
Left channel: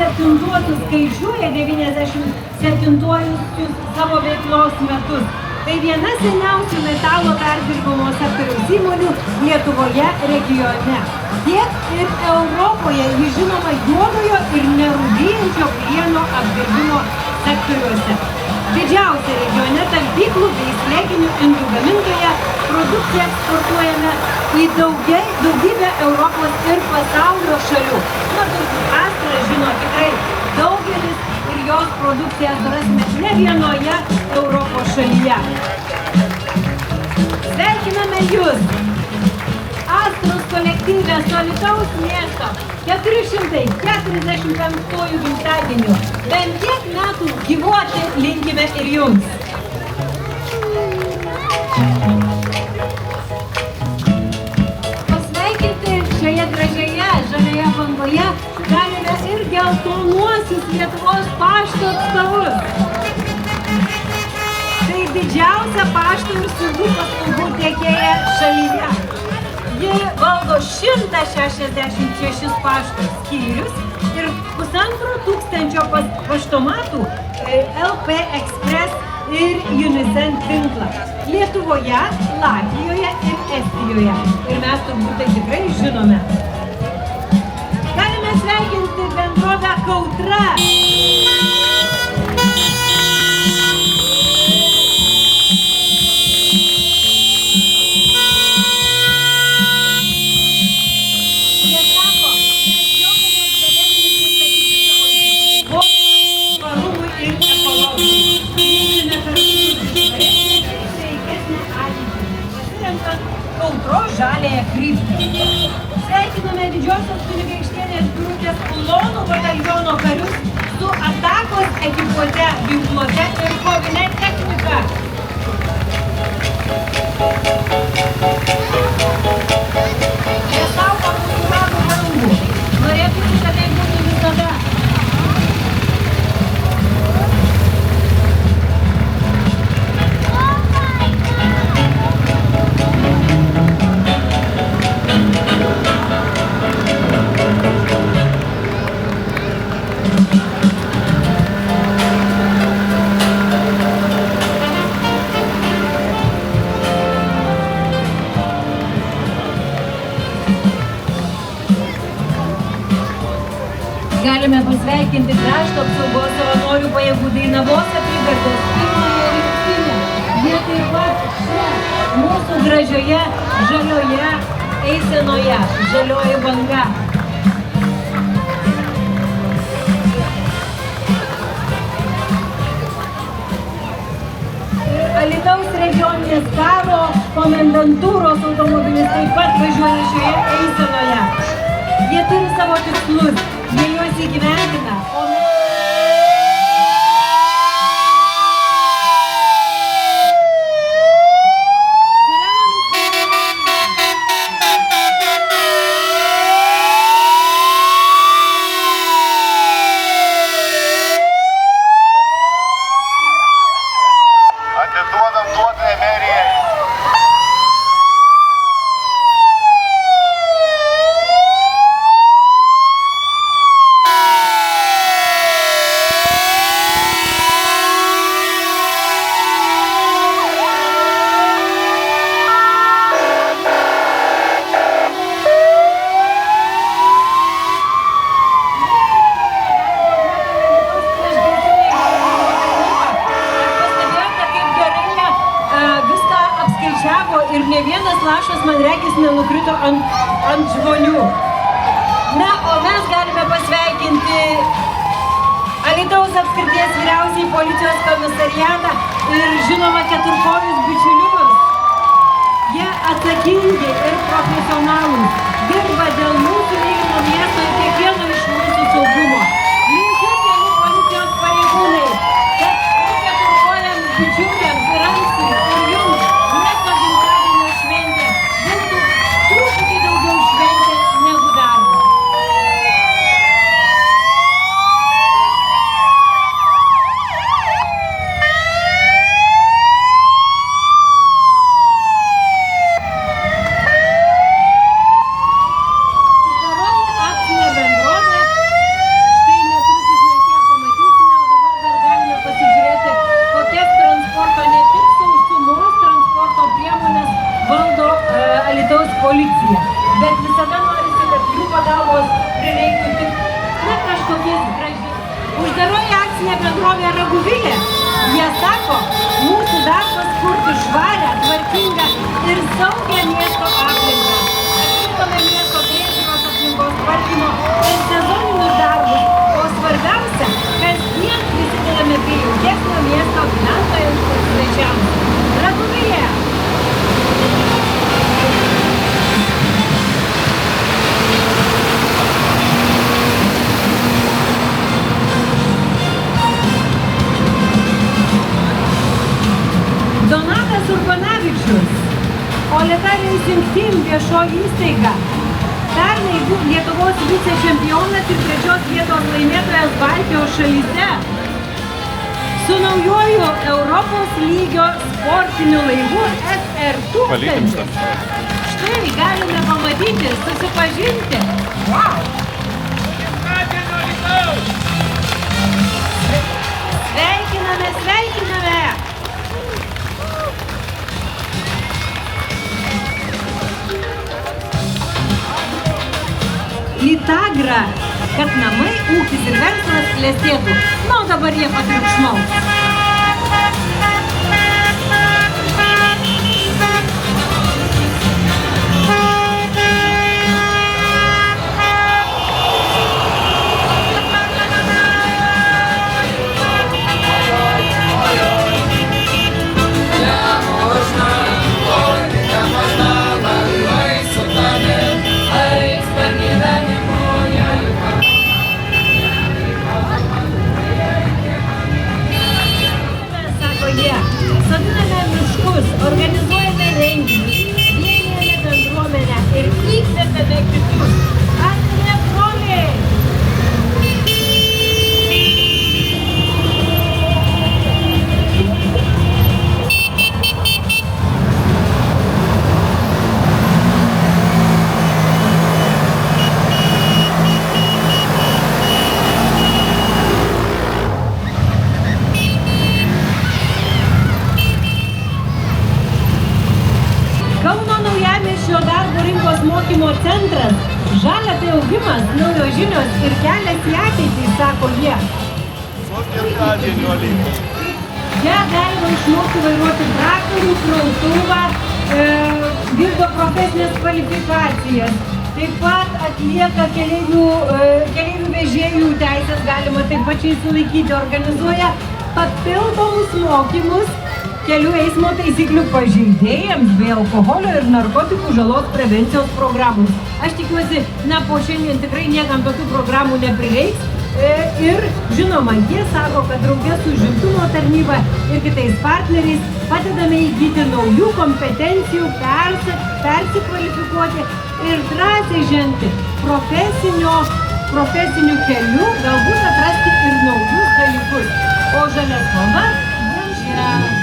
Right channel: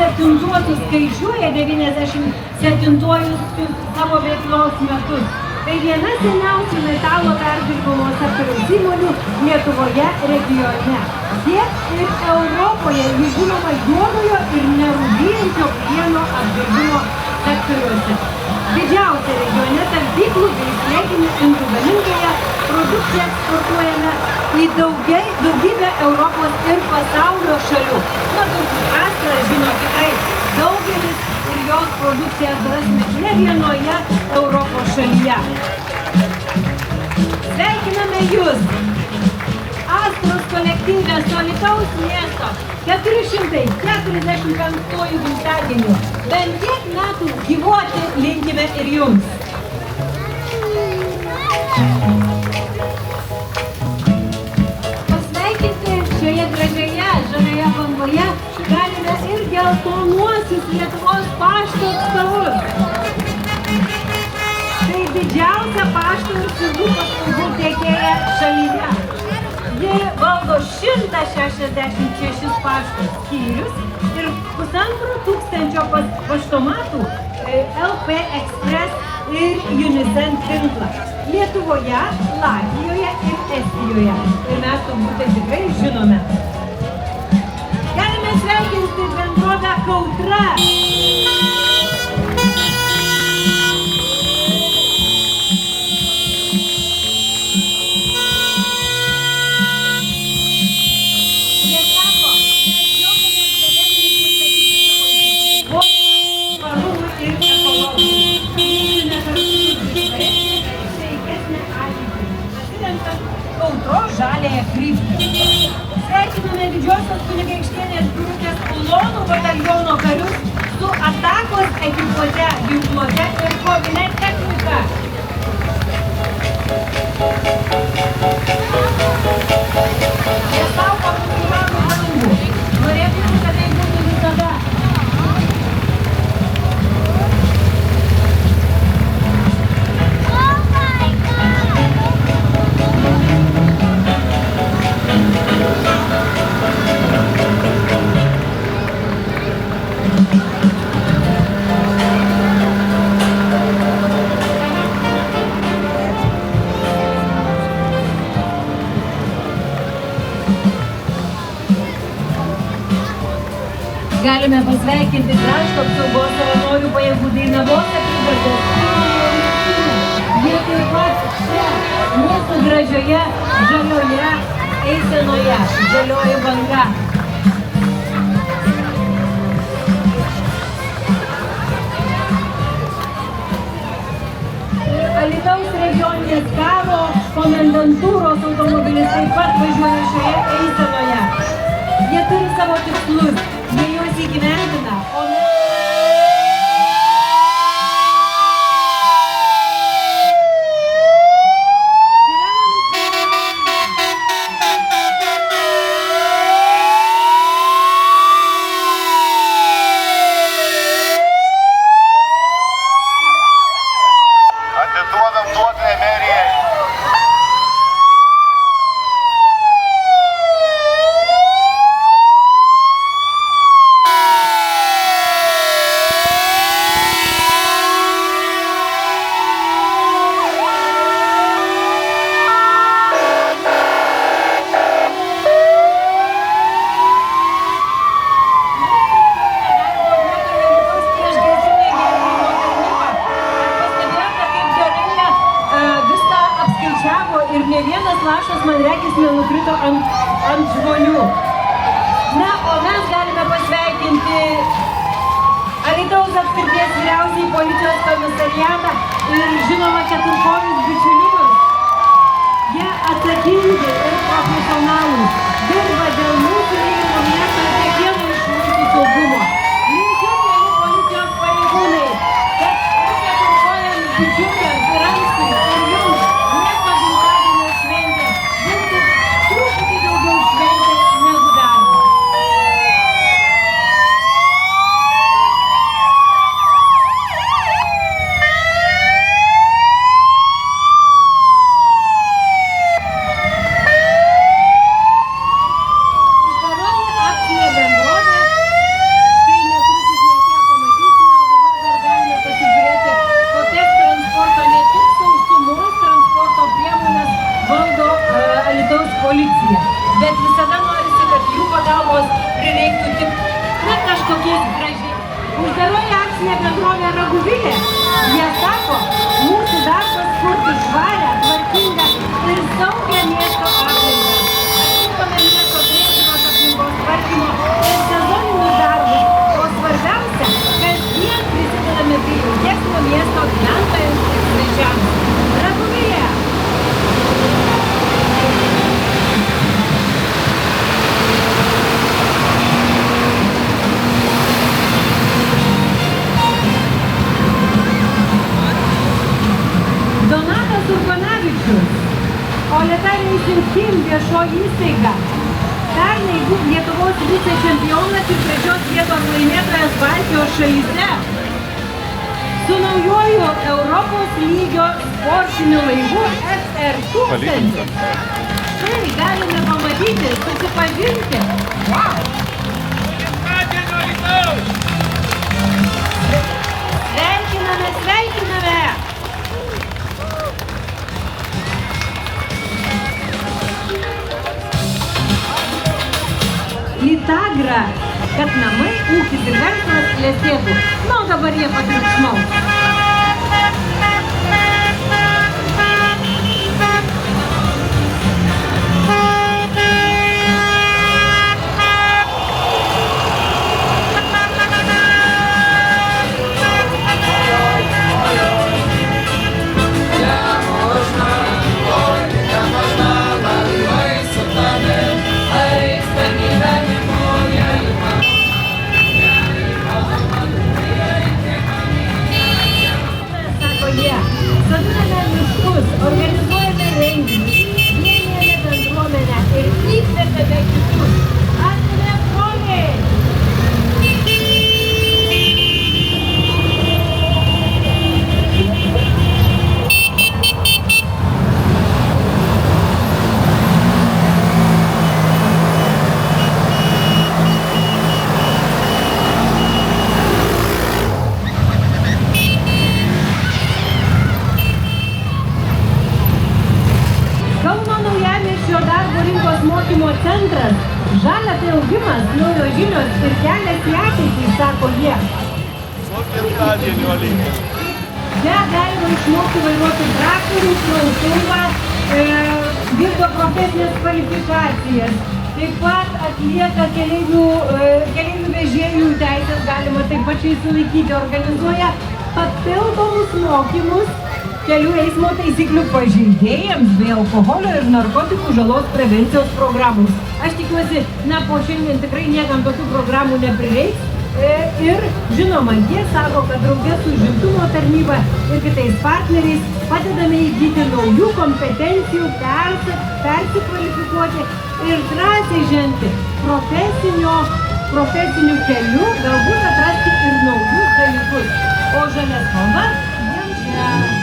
97-uosius skaičiuoja 97-uosius savo veiklos metus. Tai viena seniausių metalo perdirbimo sektoriaus įmonių Lietuvoje regione. Tiek ir Europoje ji žinoma juodojo ir nerūdijančio plieno apdirbimo sektoriuose. Didžiausia regione talpyklų bei smegenų indų gamintoje produkciją eksportuojame į daugybę Europos ir pasaulio šalių. Na, Astra žino tikrai daugelis ir jos produkciją rasime ne vienoje Europos šalyje. Sveikiname Jūs! Astros kolektyve su Alytaus miesto 445 gimtadieniu. Bent tiek metų gyvuoti linkime ir Jums. Pasveikinti šioje gražioje, žalioje bangoje galime ir geltonuosius Lietuvos pašto atstovus. Tai didžiausia pašto ir siuntų paslaugų tiekėja šalyje. Ji valdo 166 pašto skyrius ir 1500 paštomatų LP Express ir Unicent tinklą Lietuvoje, Latvijoje ir Estijoje. Ir mes turbūt tikrai žinome. Galime sveikinti bendrovę Kautra. Kautros žaliąją kryptį. Sveikiname Didžiosios kunigaikštienės Birutės Ulonų bataliono karius su atakos ekipuote, ginkluote ir kovinė technika. Jie saugo mūsų uranų dangų. Norėtume, kad tai būtų visada. Galime pasveikinti krašto apsaugos savanorių pajėgų Dainavos apygardos pirmąją rinktinę. Jie taip pat čia, mūsų gražioje, žalioje eisenoje, žalioji banga. Alytaus regioninės karo komendantūros automobilis taip pat važiuoja šioje eisenoje. Jie turi savo tikslus. Jie juos įgyvendina, o atiduodam duoklę merijai. Ir ne vienas lašas, man regis, nenukrito ant žmonių. Na, o mes galime pasveikinti Alytaus apskrities vyriausiąjį policijos komisariatą ir žinoma keturkojus bičiulius. Jie atsakingi ir profesionalūs, dirba dėl mūsų mylimo miesto ir kiekvieno iš mūsų saugumo. Linkiu, mieli policijos pareigūnai, kad keturkojams bičiuliams ir anksti ir jums Uždaroji akcinė bendrovė Raguvilė. Jie sako, mūsų darbas kurti švarę, tvarkingą ir saugią miesto aplinką. Vykdome miesto priežiūros aplinkos tvarkymo ir sezoninius darbus, o svarbiausia, kasdien prisidedame prie jautesnio miesto gyventojams ir svečiams. Raguvilė! Donatas Urbanavičius, Oleta Racing Team viešoji įstaiga. Pernai Lietuvos vicečempionas ir 3 vietos laimėtojas Baltijos šalyse. Su naujoju Europos lygio sportiniu laivu SR1000. Štai galime pamatyti, susipažinti. Sveikiname, sveikiname! Lytagra, kad namai, ūkis ir verslas klestėtų. Na, dabar jie patriukšmaus. Centras. Žalia tai augimas, naujos žinios ir kelias į ateitį, sako jie. Su gimtadieniu, Alyta. Čia galima išmokti vairuoti traktorių, krautuvą, vykdo profesinės kvalifikacijas. Taip pat atlieka keleivių vežėjų teisės, galima taip pačiai sulaikyti, organizuoja papildomus mokymus kelių eismo taisyklių pažeidėjams bei alkoholio ir narkotikų žalos prevencijos programus. Aš tikiuosi, po šiandien tikrai niekam tokių programų neprireiks. Ir žinoma, jie sako, kad drauge su užimtumo tarnyba ir kitais partneriais padedame įgyti naujų kompetencijų, persikvalifikuoti ir drąsiai žengti profesiniu keliu, galbūt atrasti ir naujus dalykus. O žalia spalva jiems žinoma.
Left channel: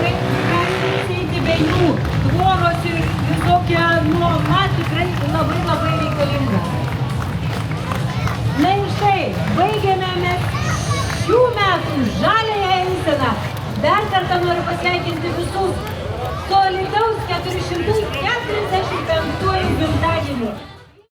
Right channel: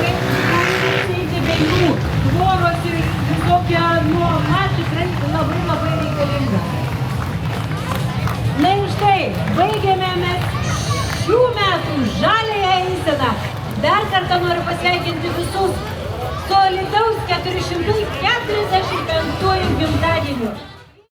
kaip galite apsėti be jų. Tvoros ir visokia nuoma tikrai labai reikalinga. Na ir štai, baigėme mes šių metų žaliąją eiseną. Dar kartą noriu pasveikinti visus solidaus 445 gimtadienį.